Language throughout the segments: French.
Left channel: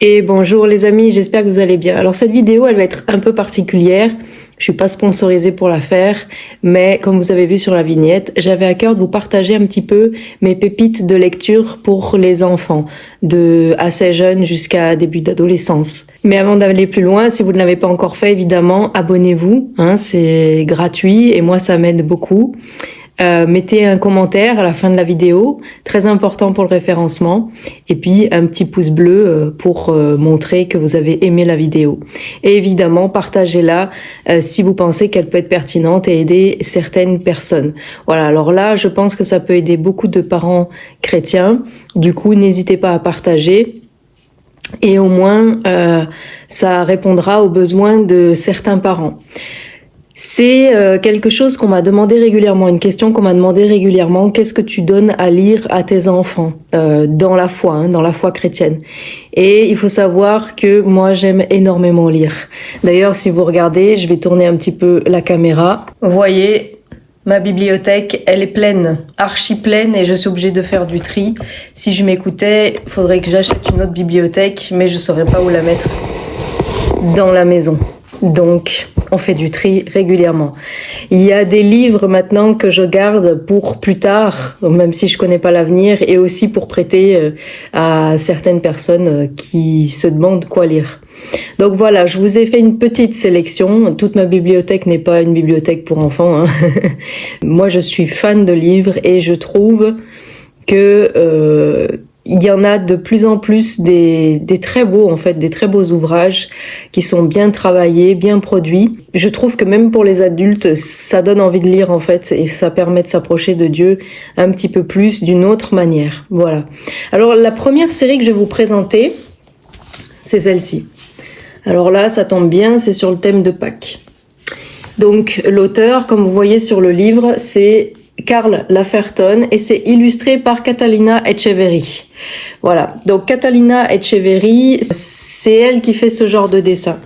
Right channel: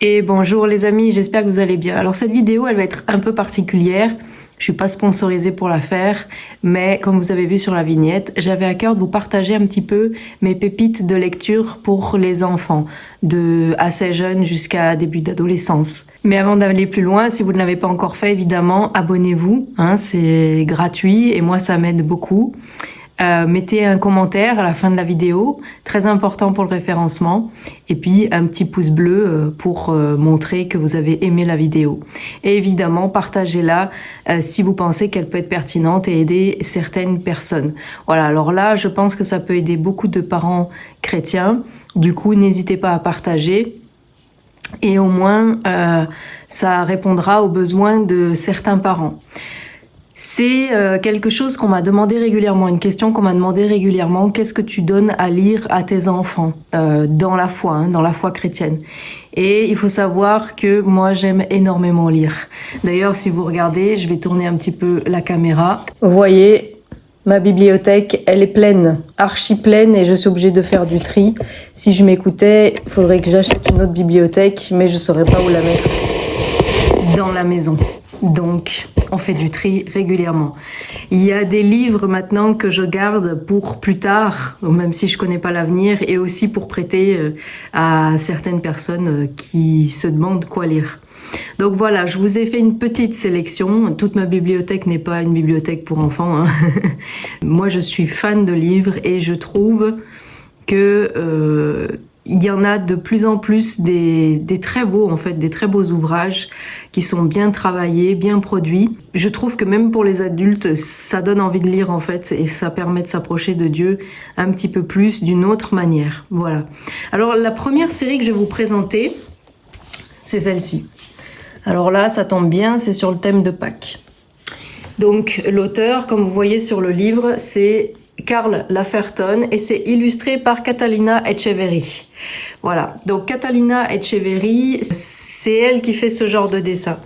Et bonjour les amis, j'espère que vous allez bien. Alors cette vidéo, elle va être un peu particulière. Je suis pas sponsorisée pour la faire, mais comme vous avez vu sur la vignette, j'avais à cœur de vous partager un petit peu mes pépites de lecture pour les enfants, de assez jeunes jusqu'à début d'adolescence. Mais avant d'aller plus loin, si vous ne l'avez pas encore fait, évidemment, abonnez-vous, c'est gratuit et moi ça m'aide beaucoup. Mettez un commentaire à la fin de la vidéo, très important pour le référencement, et puis un petit pouce bleu pour montrer que vous avez aimé la vidéo. Et évidemment, partagez-la si vous pensez qu'elle peut être pertinente et aider certaines personnes. Voilà, alors là, je pense que ça peut aider beaucoup de parents chrétiens. Du coup, n'hésitez pas à partager. Et au moins, ça répondra aux besoins de certains parents. C'est quelque chose qu'on m'a demandé régulièrement, une question qu'on m'a demandé régulièrement. Qu'est-ce que tu donnes à lire à tes enfants dans la foi chrétienne? Et il faut savoir que moi, j'aime énormément lire. D'ailleurs, si vous regardez, je vais tourner un petit peu la caméra. Vous voyez, ma bibliothèque, elle est pleine, archi pleine, et je suis obligée de faire du tri. Si je m'écoutais, il faudrait que j'achète une autre bibliothèque, mais je ne saurais pas où la mettre dans la maison. Donc, on fait du tri régulièrement. Il y a des livres maintenant que je garde pour plus tard, même si je connais pas l'avenir, et aussi pour prêter à certaines personnes qui se demandent quoi lire. Donc voilà, je vous ai fait une petite sélection. Toute ma bibliothèque n'est pas une bibliothèque pour enfants. Moi, je suis fan de livres et je trouve que il y en a de plus en plus des très beaux, des très beaux ouvrages qui sont bien travaillés, bien produits. Je trouve que même pour les adultes, ça donne envie de lire et ça permet de s'approcher de Dieu un petit peu plus d'une autre manière. Voilà. Alors la première série que je vais vous présenter, c'est celle-ci. Alors là, ça tombe bien, c'est sur le thème de Pâques. Donc l'auteur, comme vous voyez sur le livre, c'est Karl Laferton et c'est illustré par Catalina Echeverry. Voilà, donc Catalina Echeverry, c'est elle qui fait ce genre de dessin.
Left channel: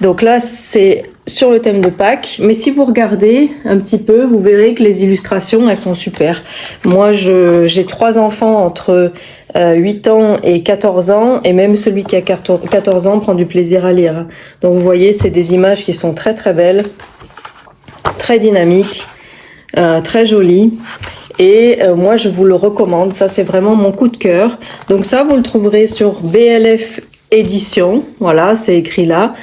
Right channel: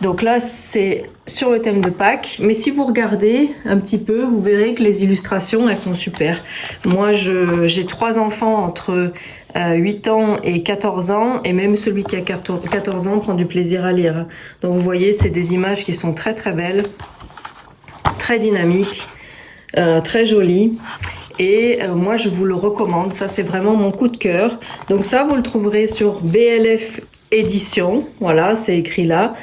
Donc là, c'est sur le thème de Pâques, mais si vous regardez un petit peu, vous verrez que les illustrations, elles sont super. Moi, j'ai 3 enfants entre 8 ans et 14 ans, et même celui qui a 14 ans prend du plaisir à lire. Donc vous voyez, c'est des images qui sont très très belles, très dynamiques, très jolies. Et moi, je vous le recommande. Ça, c'est vraiment mon coup de cœur. Donc ça, vous le trouverez sur BLF Édition. Voilà, c'est écrit là.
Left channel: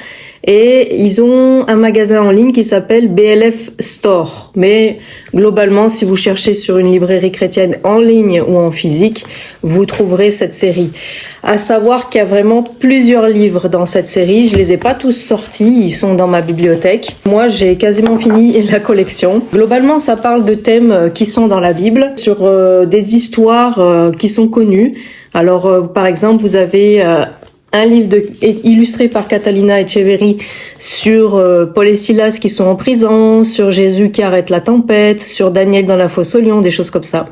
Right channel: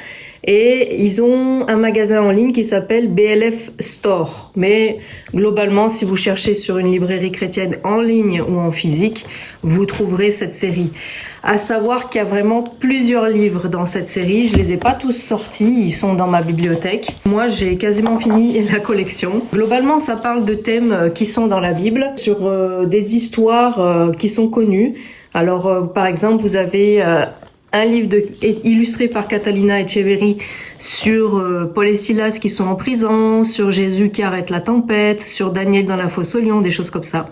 Et ils ont un magasin en ligne qui s'appelle BLF Store. Mais globalement, si vous cherchez sur une librairie chrétienne en ligne ou en physique, vous trouverez cette série. À savoir qu'il y a vraiment plusieurs livres dans cette série. Je les ai pas tous sortis, ils sont dans ma bibliothèque. Moi, j'ai quasiment fini la collection. Globalement, ça parle de thèmes qui sont dans la Bible, sur des histoires qui sont connues. Alors, par exemple, vous avez un livre illustré par Catalina Echeverry sur Paul et Silas qui sont en prison, sur Jésus qui arrête la tempête, sur Daniel dans la fosse aux lions, des choses comme ça.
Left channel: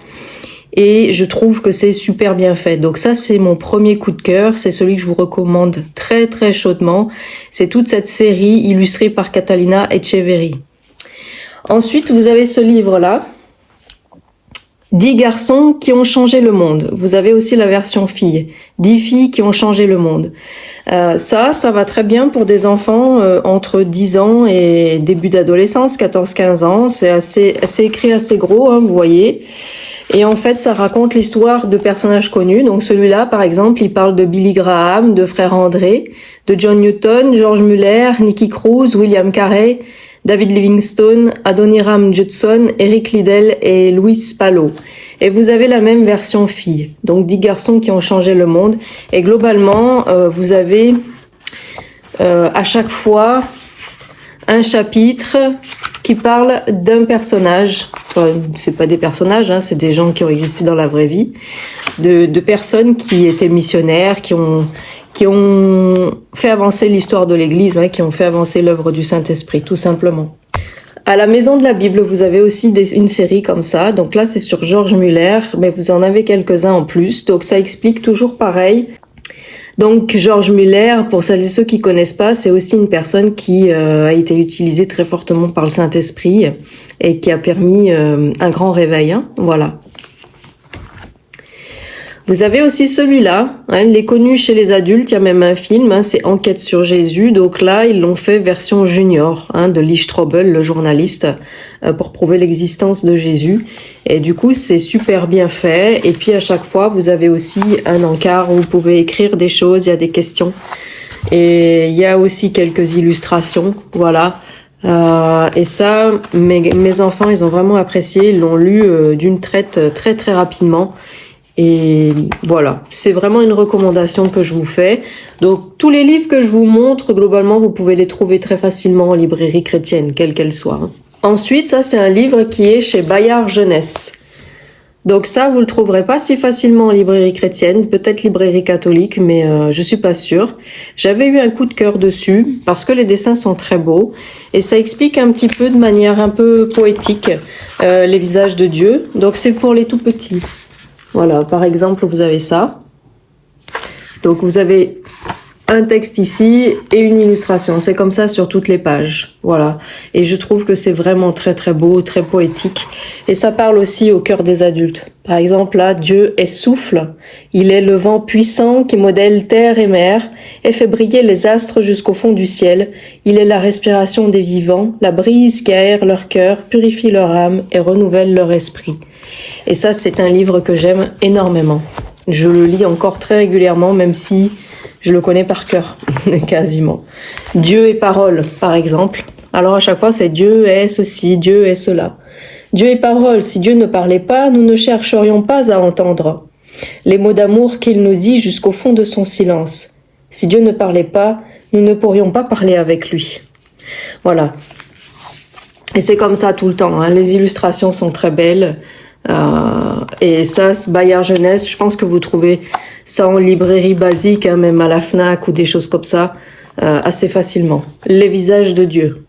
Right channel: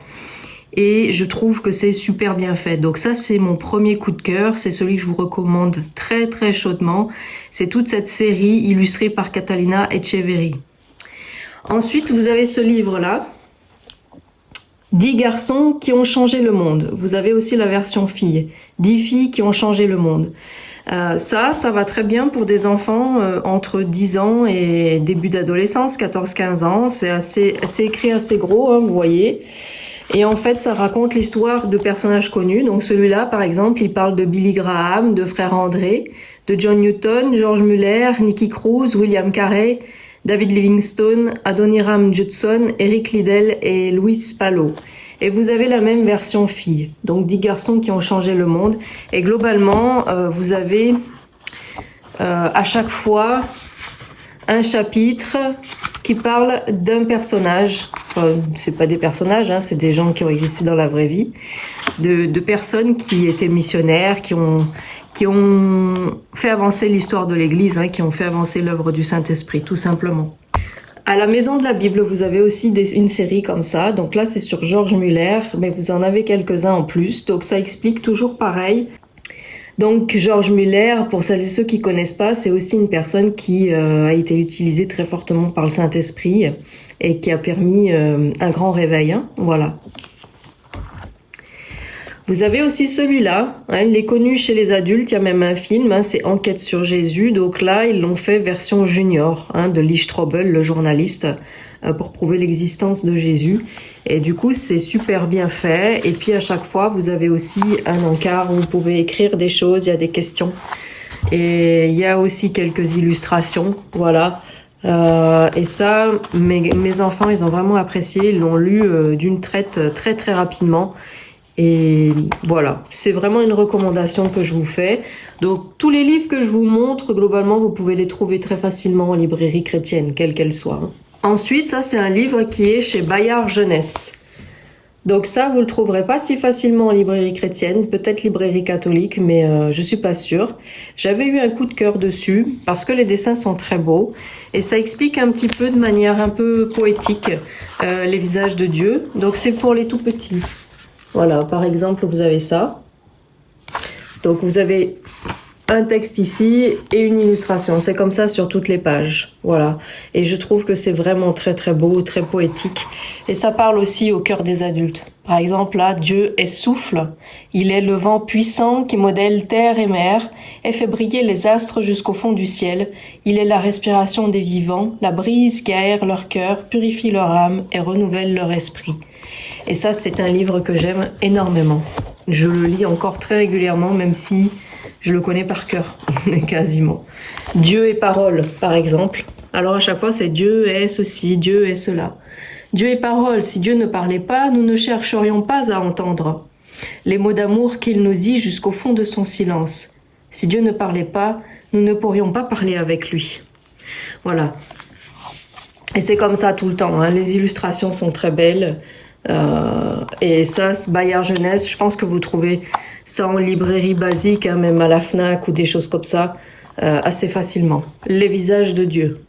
Et je trouve que c'est super bien fait. Donc ça, c'est mon premier coup de cœur. C'est celui que je vous recommande très très chaudement. C'est toute cette série illustrée par Catalina Echeverry. Ensuite, vous avez ce livre-là, 10 garçons qui ont changé le monde. Vous avez aussi la version fille, 10 filles qui ont changé le monde. Ça va très bien pour des enfants entre 10 ans et début d'adolescence, 14-15 ans. C'est écrit assez gros, vous voyez. Et en fait, ça raconte l'histoire de personnages connus. Donc celui-là, par exemple, il parle de Billy Graham, de Frère André, de John Newton, George Muller, Nicky Cruz, William Carey, David Livingstone, Adoniram Judson, Eric Liddell et Louis Pallo. Et vous avez la même version fille. Donc 10 garçons qui ont changé le monde. Et globalement, vous avez à chaque fois un chapitre qui parle d'un personnage. Enfin, c'est pas des personnages, c'est des gens qui ont existé dans la vraie vie, de personnes qui étaient missionnaires, qui ont fait avancer l'histoire de l'Église, qui ont fait avancer l'œuvre du Saint-Esprit, tout simplement. À la Maison de la Bible, vous avez aussi une série comme ça. Donc là, c'est sur George Muller, mais vous en avez quelques-uns en plus. Donc ça explique toujours pareil. Donc George Muller, pour celles et ceux qui connaissent pas, c'est aussi une personne qui a été utilisée très fortement par le Saint-Esprit et qui a permis un grand réveil. Voilà. Vous avez aussi celui-là, hein, il est connu chez les adultes, il y a même un film, hein, c'est Enquête sur Jésus, donc là ils l'ont fait version junior, hein, de Lee Strobel, le journaliste, pour prouver l'existence de Jésus. Et du coup c'est super bien fait, et puis à chaque fois vous avez aussi un encart où vous pouvez écrire des choses, il y a des questions, et il y a aussi quelques illustrations, voilà. Et ça, mes enfants, ils ont vraiment apprécié, ils l'ont lu d'une traite très très rapidement. Et voilà, c'est vraiment une recommandation que je vous fais. Donc tous les livres que je vous montre, globalement, vous pouvez les trouver très facilement en librairie chrétienne, quelle qu'elle soit. Ensuite, ça c'est un livre qui est chez Bayard Jeunesse. Donc ça, vous le trouverez pas si facilement en librairie chrétienne, peut-être librairie catholique, mais je suis pas sûre. J'avais eu un coup de cœur dessus parce que les dessins sont très beaux et ça explique un petit peu de manière un peu poétique les visages de Dieu. Donc c'est pour les tout petits. Voilà, par exemple, vous avez ça. Donc vous avez un texte ici et une illustration. C'est comme ça sur toutes les pages. Voilà. Et je trouve que c'est vraiment très très beau, très poétique. Et ça parle aussi au cœur des adultes. Par exemple, là, Dieu est souffle. Il est le vent puissant qui modèle terre et mer et fait briller les astres jusqu'au fond du ciel. Il est la respiration des vivants, la brise qui aère leur cœur, purifie leur âme et renouvelle leur esprit. Et ça, c'est un livre que j'aime énormément. Je le lis encore très régulièrement, même si je le connais par cœur, quasiment. Dieu est parole, par exemple. Alors à chaque fois, c'est Dieu est ceci, Dieu est cela. Dieu est parole. Si Dieu ne parlait pas, nous ne chercherions pas à entendre les mots d'amour qu'il nous dit jusqu'au fond de son silence. Si Dieu ne parlait pas, nous ne pourrions pas parler avec lui. Voilà. Et c'est comme ça tout le temps, hein. Les illustrations sont très belles. Et ça, Bayard Jeunesse, je pense que vous trouvez ça en librairie basique, hein, même à la Fnac ou des choses comme ça, assez facilement. Les visages de Dieu.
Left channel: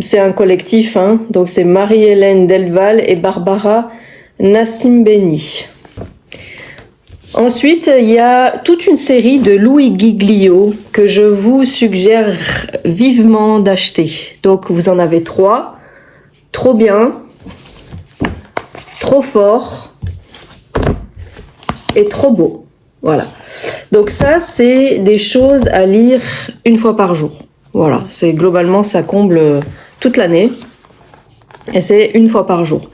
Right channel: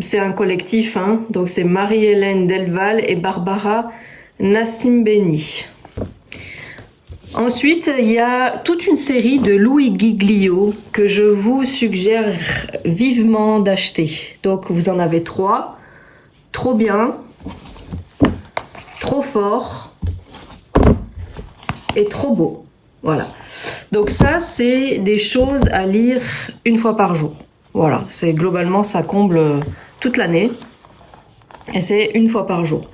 C'est un collectif, hein, donc c'est Marie-Hélène Delval et Barbara Nassimbeni. Ensuite, il y a toute une série de Louis Giglio que je vous suggère vivement d'acheter. Donc vous en avez 3, trop bien, trop fort et trop beau. Voilà. Donc ça, c'est des choses à lire une fois par jour. Voilà. C'est globalement, ça comble toute l'année. Et c'est une fois par jour.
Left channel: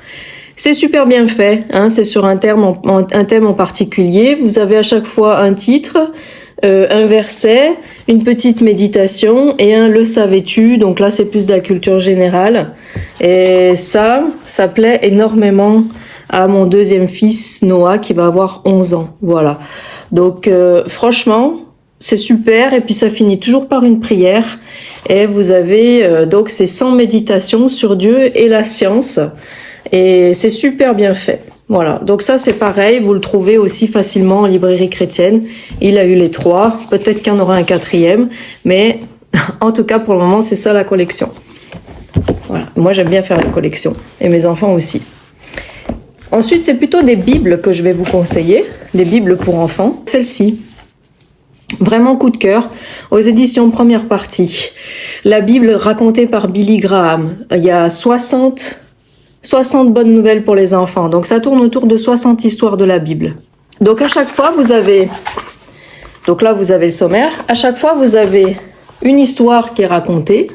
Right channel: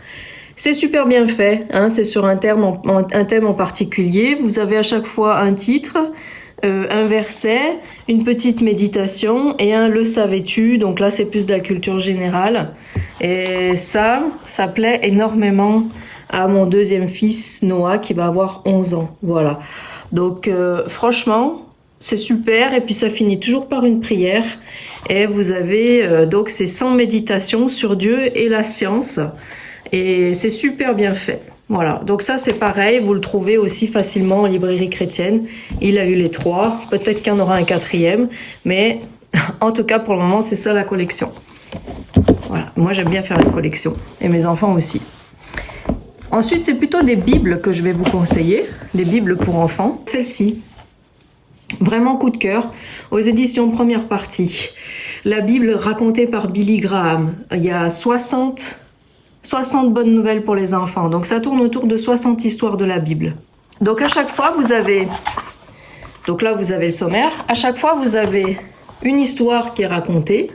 C'est super bien fait. Hein, c'est sur un thème en particulier. Vous avez à chaque fois un titre, un verset, une petite méditation et un le savais-tu. Donc là, c'est plus de la culture générale. Et ça plaît énormément à mon deuxième fils Noah qui va avoir 11 ans. Voilà. Donc franchement, c'est super. Et puis ça finit toujours par une prière. Et vous avez donc ces 100 méditations sur Dieu et la science. Et c'est super bien fait. Voilà. Donc ça c'est pareil. Vous le trouvez aussi facilement en librairie chrétienne. Il a eu les 3. Peut-être qu'il y en aura un 4e. Mais en tout cas pour le moment c'est ça la collection. Voilà. Moi j'aime bien faire les collections. Et mes enfants aussi. Ensuite, c'est plutôt des bibles que je vais vous conseiller, des bibles pour enfants. Celle-ci, vraiment coup de cœur, aux éditions Première Partie. La Bible racontée par Billy Graham. Il y a 60 bonnes nouvelles pour les enfants. Donc ça tourne autour de 60 histoires de la Bible. Donc à chaque fois, vous avez... Donc là, vous avez le sommaire. À chaque fois, vous avez une histoire qui est racontée,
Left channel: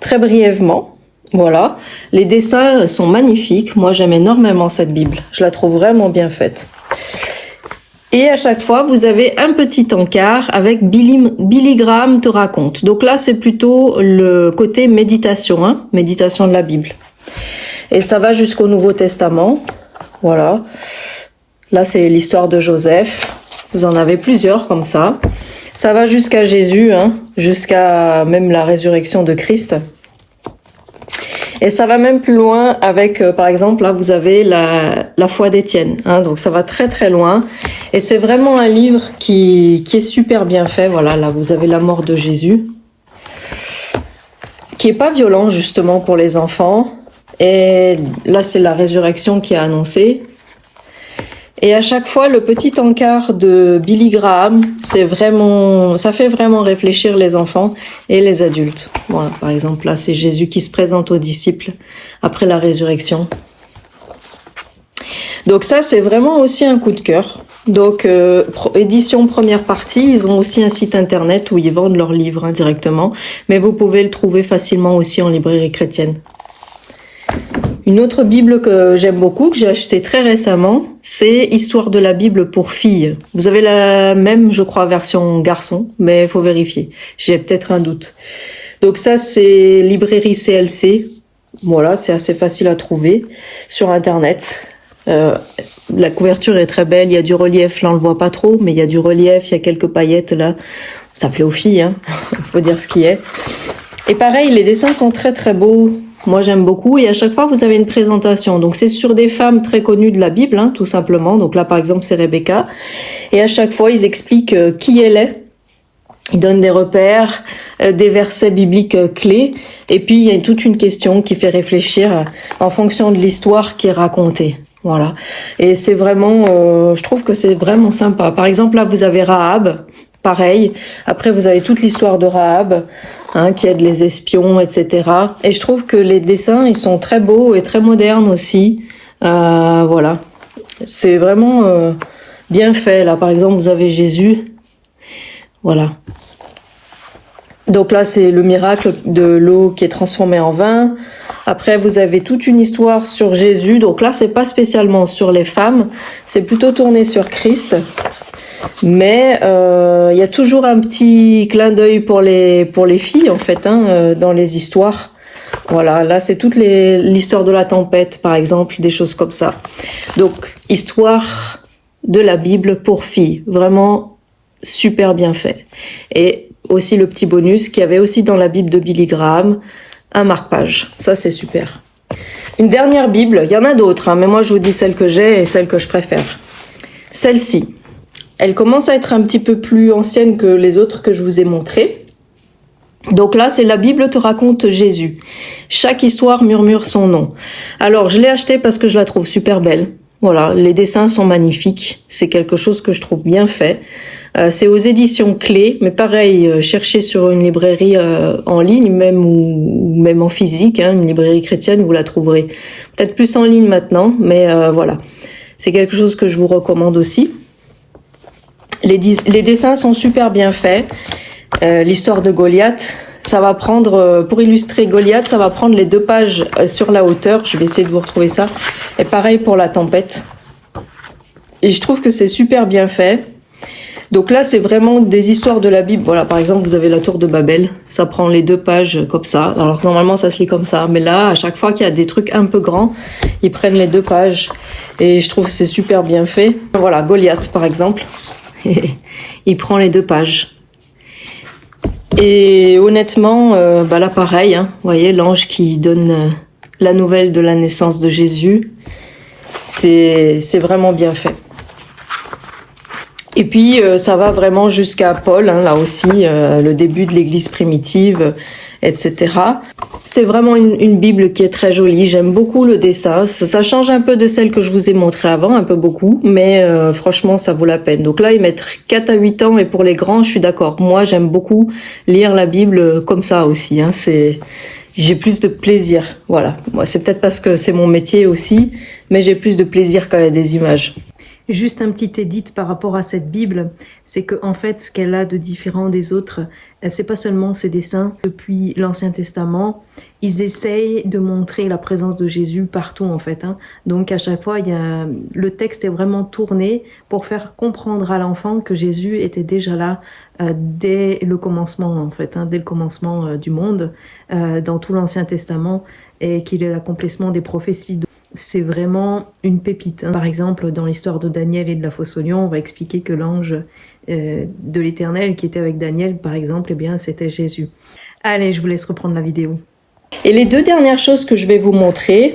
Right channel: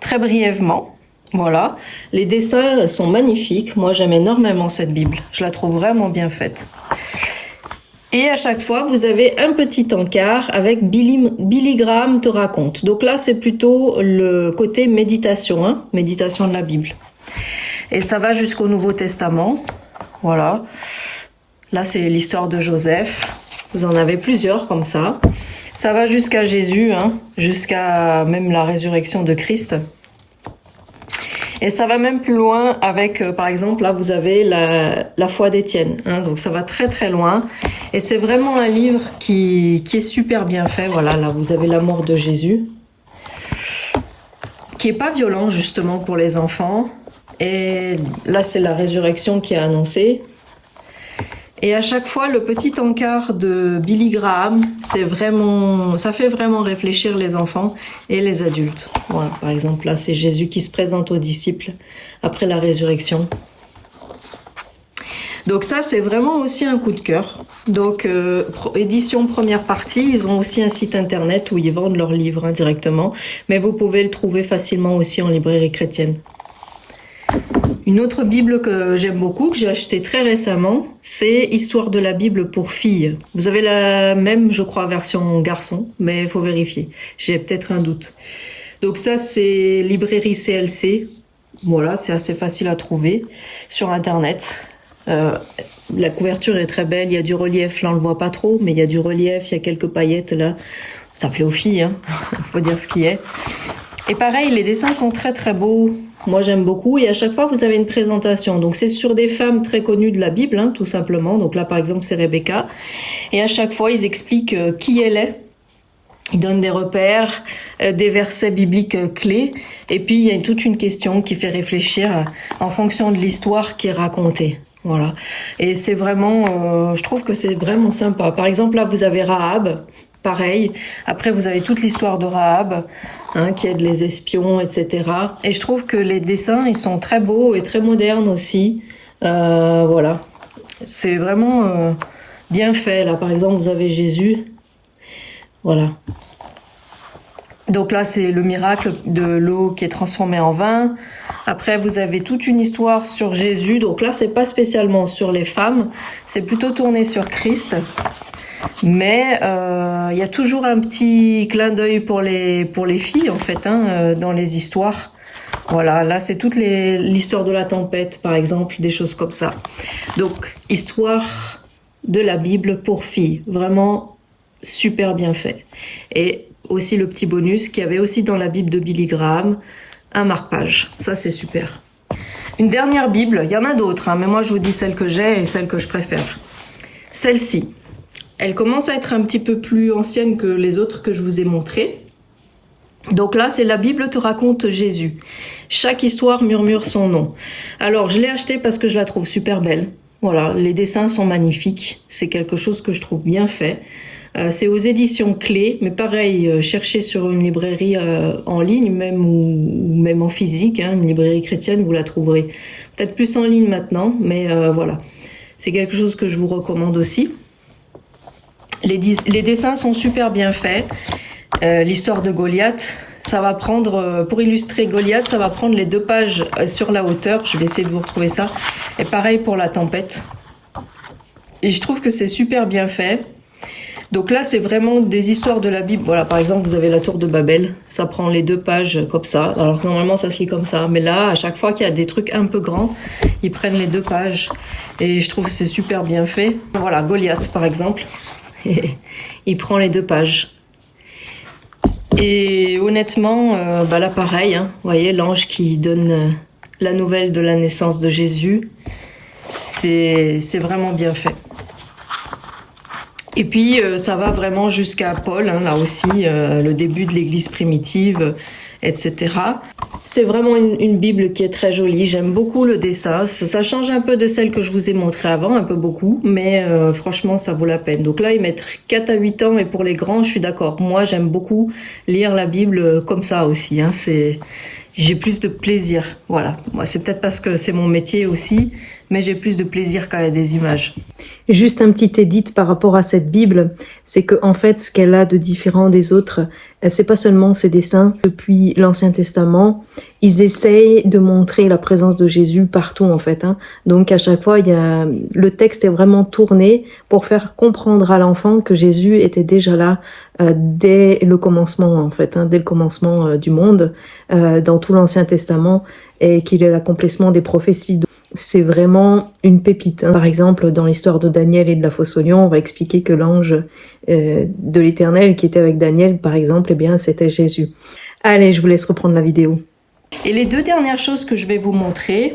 très brièvement. Voilà, les dessins sont magnifiques. Moi, j'aime énormément cette Bible. Je la trouve vraiment bien faite. Et à chaque fois, vous avez un petit encart avec Billy Graham te raconte. Donc là, c'est plutôt le côté méditation, hein, méditation de la Bible. Et ça va jusqu'au Nouveau Testament. Voilà. Là, c'est l'histoire de Joseph. Vous en avez plusieurs comme ça. Ça va jusqu'à Jésus, hein, jusqu'à même la résurrection de Christ. Et ça va même plus loin avec, par exemple, là, vous avez la foi d'Étienne. Hein, donc, ça va très, très loin. Et c'est vraiment un livre qui est super bien fait. Voilà, là, vous avez la mort de Jésus. Qui est pas violent, justement, pour les enfants. Et là, c'est la résurrection qui est annoncée. Et à chaque fois, le petit encart de Billy Graham, ça fait vraiment réfléchir les enfants et les adultes. Voilà, par exemple, là, c'est Jésus qui se présente aux disciples après la résurrection. Donc ça, c'est vraiment aussi un coup de cœur. Donc, édition première partie, ils ont aussi un site internet où ils vendent leurs livres directement, mais vous pouvez le trouver facilement aussi en librairie chrétienne. Une autre Bible que j'aime beaucoup, que j'ai acheté très récemment, c'est Histoire de la Bible pour filles. Vous avez la même, je crois, version garçon, mais il faut vérifier. J'ai peut-être un doute. Donc ça, c'est librairie CLC. Voilà, c'est assez facile à trouver sur Internet. La couverture est très belle, il y a du relief, là on le voit pas trop, mais il y a du relief, il y a quelques paillettes là. Ça fait aux filles, hein. Faut dire ce qui est. Et pareil, les dessins sont très très beaux. Moi j'aime beaucoup, et à chaque fois vous avez une présentation. Donc c'est sur des femmes très connues de la Bible, hein, tout simplement. Donc là par exemple c'est Rebecca. Et à chaque fois ils expliquent qui elle est. Ils donnent des repères, des versets bibliques clés. Et puis il y a toute une question qui fait réfléchir en fonction de l'histoire qui est racontée. Voilà. Et c'est vraiment, je trouve que c'est vraiment sympa. Par exemple là vous avez Rahab. Pareil. Après, vous avez toute l'histoire de Rahab, hein, qui aide les espions, etc. Et je trouve que les dessins, ils sont très beaux et très modernes aussi. Voilà. C'est vraiment bien fait. Là, par exemple, vous avez Jésus. Voilà. Donc là, c'est le miracle de l'eau qui est transformée en vin. Après, vous avez toute une histoire sur Jésus. Donc là, c'est pas spécialement sur les femmes. C'est plutôt tourné sur Christ. Mais y a toujours un petit clin d'œil pour les filles en fait, hein, dans les histoires. Voilà, là c'est toute l'histoire de la tempête par exemple, des choses comme ça. Donc histoire de la Bible pour filles, vraiment super bien fait. Et aussi le petit bonus qu'il y avait aussi dans la Bible de Billy Graham, un marque-page. Ça c'est super. Une dernière Bible, il y en a d'autres, hein, mais moi je vous dis celle que j'ai et celle que je préfère. Celle-ci. Elle commence à être un petit peu plus ancienne que les autres que je vous ai montrées. Donc là, c'est la Bible te raconte Jésus. Chaque histoire murmure son nom. Alors, je l'ai achetée parce que je la trouve super belle. Voilà, les dessins sont magnifiques. C'est quelque chose que je trouve bien fait. C'est aux éditions Clés, mais pareil, cherchez sur une librairie en ligne, même en physique, hein, une librairie chrétienne, vous la trouverez. Peut-être plus en ligne maintenant, mais voilà. C'est quelque chose que je vous recommande aussi. Les dessins sont super bien faits. L'histoire de Goliath, ça va prendre, pour illustrer Goliath, ça va prendre les 2 pages sur la hauteur. Je vais essayer de vous retrouver ça. Et pareil pour la tempête. Et je trouve que c'est super bien fait. Donc là, c'est vraiment des histoires de la Bible. Voilà, par exemple, vous avez la tour de Babel. Ça prend les 2 pages comme ça. Alors normalement, ça se lit comme ça. Mais là, à chaque fois qu'il y a des trucs un peu grands, ils prennent les 2 pages. Et je trouve que c'est super bien fait. Voilà, Goliath, par exemple. Il prend les 2 pages. Et honnêtement, là pareil, hein, vous voyez l'ange qui donne la nouvelle de la naissance de Jésus, c'est vraiment bien fait. Et puis ça va vraiment jusqu'à Paul, hein, là aussi, le début de l'Église primitive, etc. C'est vraiment une Bible qui est très jolie, j'aime beaucoup le dessin, ça change un peu de celle que je vous ai montrée avant, un peu beaucoup, mais franchement ça vaut la peine. Donc là ils mettent 4 à 8 ans, et pour les grands je suis d'accord, moi j'aime beaucoup lire la Bible comme ça aussi, hein, j'ai plus de plaisir, voilà. Moi c'est peut-être parce que c'est mon métier aussi, mais j'ai plus de plaisir quand il y a des images. Juste un petit édit par rapport à cette Bible, c'est que en fait, ce qu'elle a de différent des autres, c'est pas seulement ses dessins. Depuis l'Ancien Testament, ils essayent de montrer la présence de Jésus partout en fait, hein. Donc à chaque fois, le texte est vraiment tourné pour faire comprendre à l'enfant que Jésus était déjà là dès le commencement en fait, hein, dès le commencement du monde, dans tout l'Ancien Testament, et qu'il est l'accomplissement des prophéties. C'est vraiment une pépite, hein. Par exemple, dans l'histoire de Daniel et de la fosse aux lions, on va expliquer que l'ange de l'Éternel qui était avec Daniel, par exemple, eh bien, c'était Jésus. Allez, je vous laisse reprendre la vidéo. Et les 2 dernières choses que je vais vous montrer,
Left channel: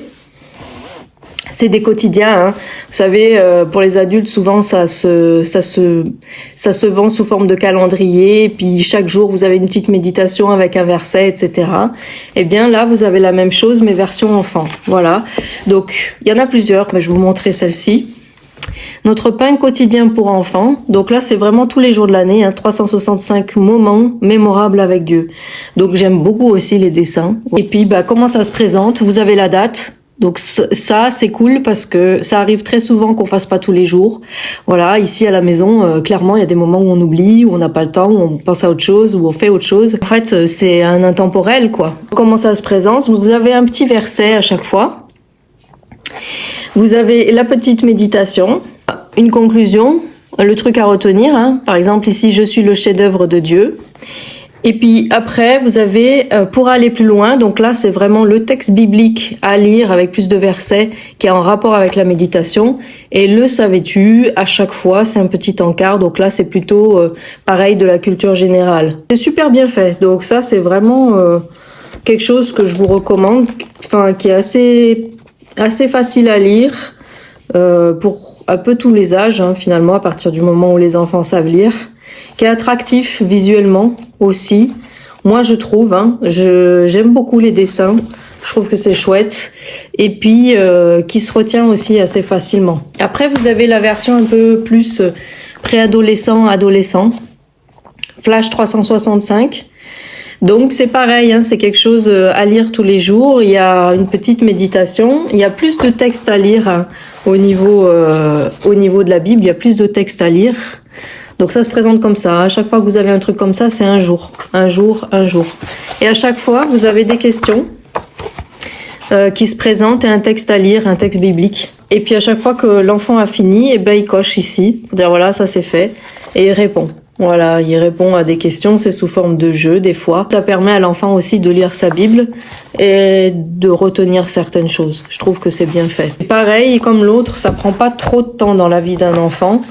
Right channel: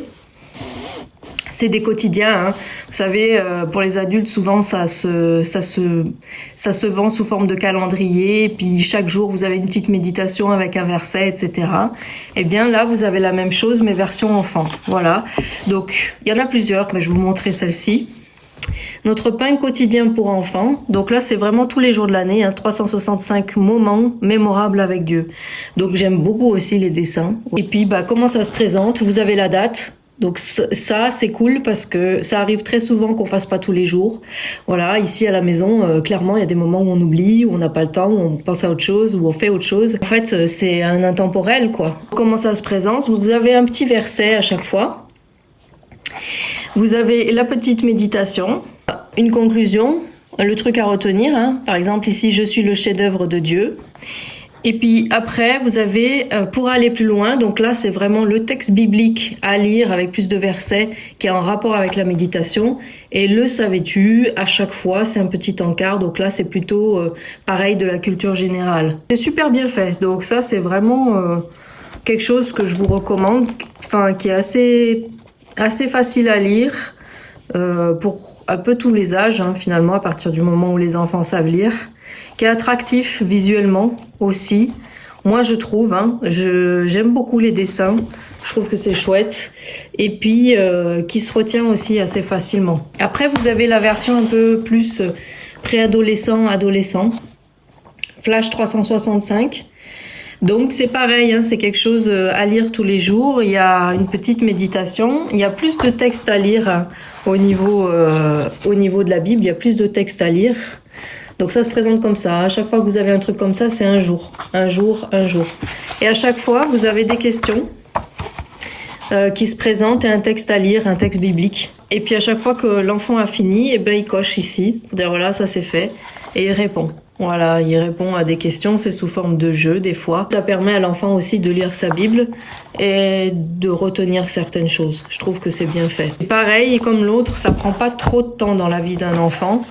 c'est des quotidiens, hein. Vous savez, pour les adultes, souvent ça se vend sous forme de calendrier, puis chaque jour vous avez une petite méditation avec un verset, etc. Et bien là, vous avez la même chose, mais version enfant. Voilà. Donc il y en a plusieurs, mais je vais vous montrer celle-ci. Notre pain quotidien pour enfants. Donc là, c'est vraiment tous les jours de l'année, hein, 365 moments mémorables avec Dieu. Donc j'aime beaucoup aussi les dessins. Et puis, comment ça se présente? Vous avez la date. Donc ça, c'est cool parce que ça arrive très souvent qu'on fasse pas tous les jours. Voilà, ici à la maison, clairement, il y a des moments où on oublie, où on n'a pas le temps, où on pense à autre chose, où on fait autre chose. En fait, c'est un intemporel, quoi. Comment ça se présente? Vous avez un petit verset à chaque fois. Vous avez la petite méditation, une conclusion, le truc à retenir. Hein. Par exemple, ici, je suis le chef-d'œuvre de Dieu. Et puis après, vous avez, pour aller plus loin, donc là c'est vraiment le texte biblique à lire avec plus de versets qui est en rapport avec la méditation. Et le savais-tu, à chaque fois, c'est un petit encart, donc là c'est plutôt pareil de la culture générale. C'est super bien fait, donc ça c'est vraiment quelque chose que je vous recommande, enfin qui est assez facile à lire pour un peu tous les âges, hein, finalement, à partir du moment où les enfants savent lire. Qui est attractif visuellement aussi. Moi, je trouve, hein, j'aime beaucoup les dessins. Je trouve que c'est chouette. Et puis, qui se retient aussi assez facilement. Après, vous avez la version un peu plus préadolescent, adolescent. Flash 365. Donc, c'est pareil, hein, c'est quelque chose à lire tous les jours. Il y a une petite méditation. Il y a plus de textes à lire hein, au niveau de la Bible. Il y a plus de textes à lire. Donc ça se présente comme ça. À chaque fois que vous avez un truc comme ça, c'est un jour, un jour, un jour. Et à chaque fois, vous avez des questions qui se présentent et un texte à lire, un texte biblique. Et puis à chaque fois que l'enfant a fini, eh ben, il coche ici, pour dire voilà, ça c'est fait, et il répond. Voilà, il répond à des questions, c'est sous forme de jeu des fois. Ça permet à l'enfant aussi de lire sa Bible et de retenir certaines choses. Je trouve que c'est bien fait. Et pareil, comme l'autre, ça prend pas trop de temps dans la vie d'un enfant.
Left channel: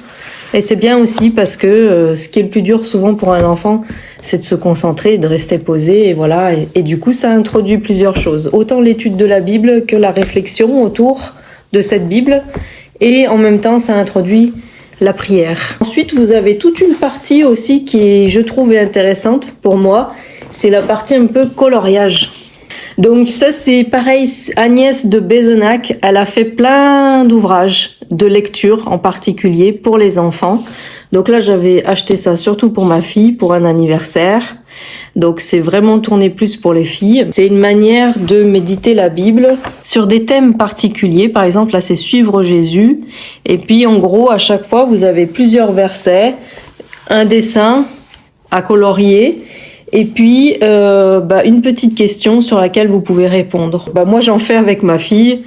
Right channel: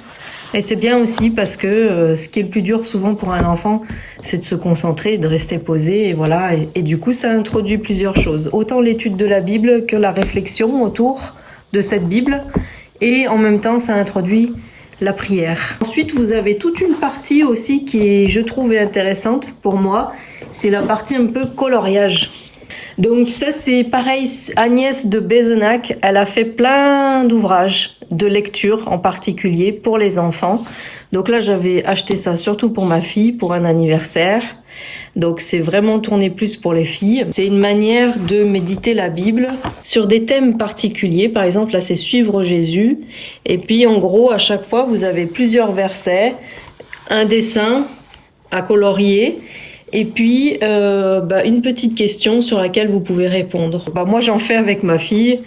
Et c'est bien aussi parce que ce qui est le plus dur souvent pour un enfant, c'est de se concentrer, de rester posé, et voilà. Et du coup, ça introduit plusieurs choses. Autant l'étude de la Bible que la réflexion autour de cette Bible. Et en même temps, ça introduit la prière. Ensuite, vous avez toute une partie aussi qui, je trouve, est intéressante pour moi. C'est la partie un peu coloriage. Donc ça, c'est pareil, Agnès de Bézenac, elle a fait plein d'ouvrages de lecture en particulier pour les enfants. Donc là, j'avais acheté ça surtout pour ma fille, pour un anniversaire. Donc c'est vraiment tourné plus pour les filles. C'est une manière de méditer la Bible sur des thèmes particuliers. Par exemple, là, c'est suivre Jésus. Et puis, en gros, à chaque fois, vous avez plusieurs versets, un dessin à colorier. Et puis, une petite question sur laquelle vous pouvez répondre. Moi, j'en fais avec ma fille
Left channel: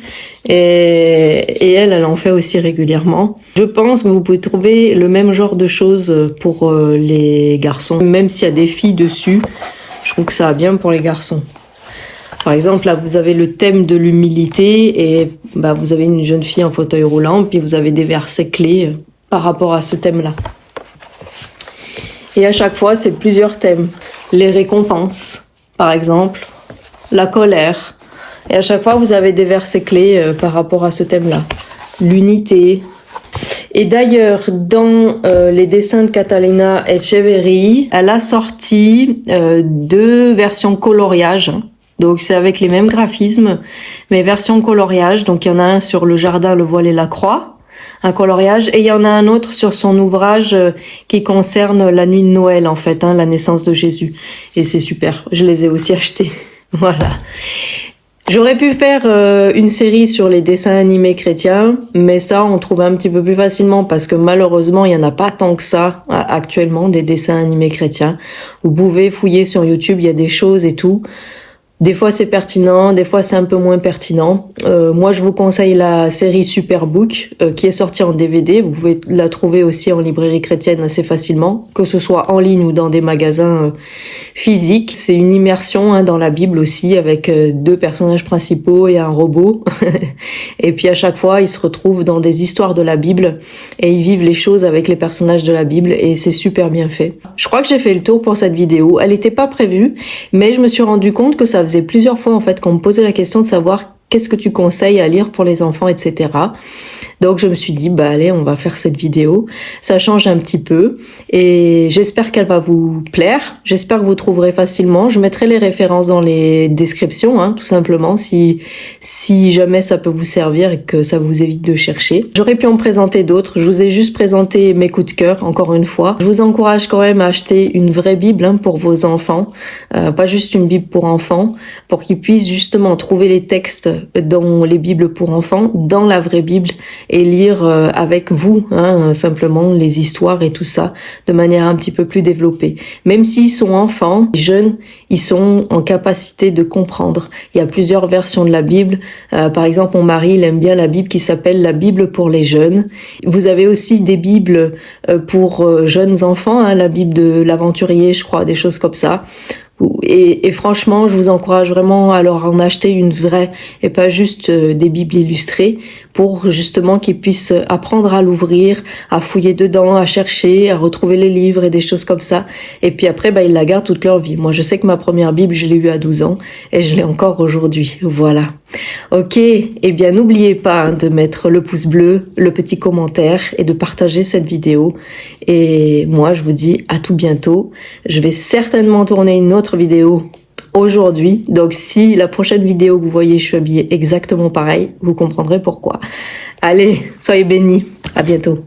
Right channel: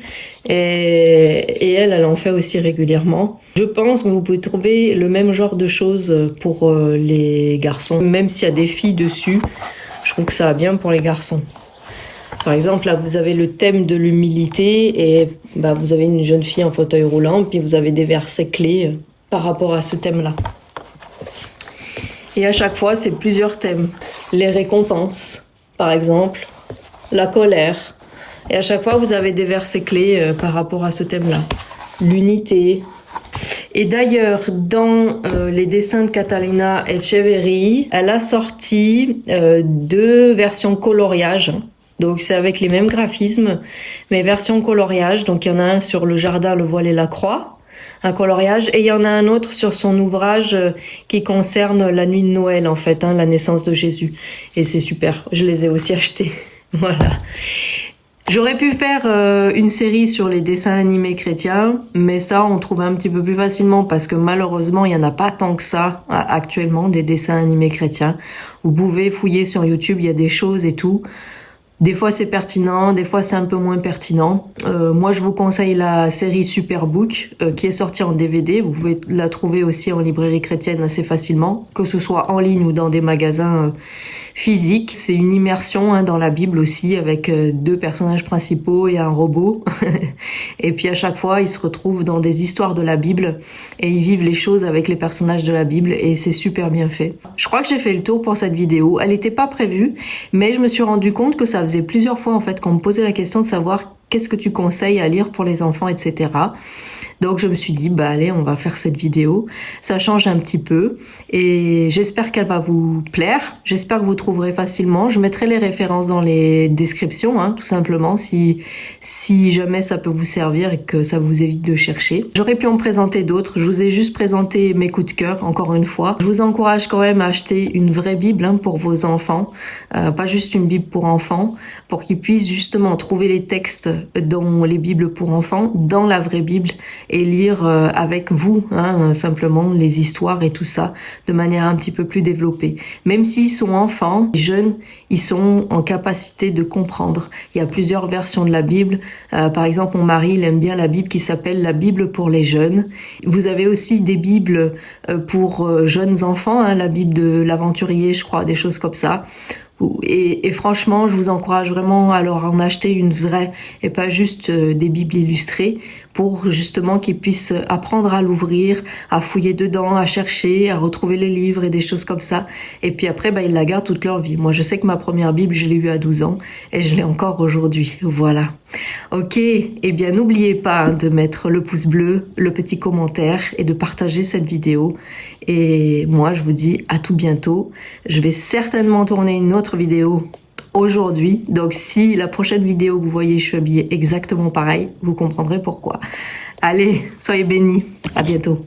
et elle en fait aussi régulièrement. Je pense que vous pouvez trouver le même genre de choses pour les garçons. Même s'il y a des filles dessus, je trouve que ça va bien pour les garçons. Par exemple, là, vous avez le thème de l'humilité et vous avez une jeune fille en fauteuil roulant, puis vous avez des versets clés par rapport à ce thème-là. Et à chaque fois, c'est plusieurs thèmes. Les récompenses, par exemple, la colère. Et à chaque fois, vous avez des versets clés par rapport à ce thème-là. L'unité. Et d'ailleurs, dans les dessins de Catalina Echeverri, elle a sorti 2 versions coloriage. Donc c'est avec les mêmes graphismes, mais version coloriage. Donc il y en a un sur le jardin, le voile et la croix. Un coloriage, et il y en a un autre sur son ouvrage qui concerne la nuit de Noël en fait, la naissance de Jésus. Et c'est super, je les ai aussi achetés. Voilà. J'aurais pu faire une série sur les dessins animés chrétiens, mais ça on trouve un petit peu plus facilement parce que malheureusement il y en a pas tant que ça actuellement des dessins animés chrétiens. Vous pouvez fouiller sur YouTube, il y a des choses et tout. Des fois c'est pertinent, des fois c'est un peu moins pertinent. Moi je vous conseille la série Superbook qui est sortie en DVD. Vous pouvez la trouver aussi en librairie chrétienne assez facilement, que ce soit en ligne ou dans des magasins physiques. C'est une immersion dans la Bible aussi avec 2 personnages principaux et un robot. Et puis à chaque fois ils se retrouvent dans des histoires de la Bible et ils vivent les choses avec les personnages de la Bible et c'est super bien fait. Je crois que j'ai fait le tour pour cette vidéo. Elle n'était pas prévue, mais je me suis rendu compte que ça faisait plusieurs fois en fait qu'on me posait la question de savoir qu'est-ce que tu conseilles à lire pour les enfants, etc. Donc je me suis dit, bah allez, on va faire cette vidéo. Ça change un petit peu et j'espère qu'elle va vous plaire. J'espère que vous trouverez facilement. Je mettrai les références dans les descriptions, hein, tout simplement, si jamais ça peut vous servir et que ça vous évite de chercher. J'aurais pu en présenter d'autres. Je vous ai juste présenté mes coups de cœur, encore une fois. Je vous encourage quand même à acheter une vraie Bible, hein, pour vos enfants, pas juste une Bible pour enfants, pour qu'ils puissent justement trouver les textes dans les Bibles pour enfants, dans la vraie Bible, et lire avec vous, hein, simplement les histoires et tout ça, de manière un petit peu plus développée. Même s'ils sont enfants, jeunes, ils sont en capacité de comprendre. Il y a plusieurs versions de la Bible. Par exemple, mon mari, il aime bien la Bible qui s'appelle la Bible pour les jeunes. Vous avez aussi des Bibles pour jeunes enfants, hein, la Bible de l'aventurier, je crois, des choses comme ça. Et franchement, je vous encourage vraiment à leur en acheter une vraie et pas juste des bibles illustrées, pour justement qu'ils puissent apprendre à l'ouvrir, à fouiller dedans, à chercher, à retrouver les livres et des choses comme ça. Et puis après, ils la gardent toute leur vie. Moi, je sais que ma première Bible, je l'ai eue à 12 ans et je l'ai encore aujourd'hui. Voilà. Ok, eh bien n'oubliez pas, hein, de mettre le pouce bleu, le petit commentaire et de partager cette vidéo. Et moi, je vous dis à tout bientôt. Je vais certainement tourner une autre vidéo aujourd'hui. Donc si la prochaine vidéo que vous voyez, je suis habillée exactement pareil, vous comprendrez pourquoi. Allez, soyez bénis. À bientôt.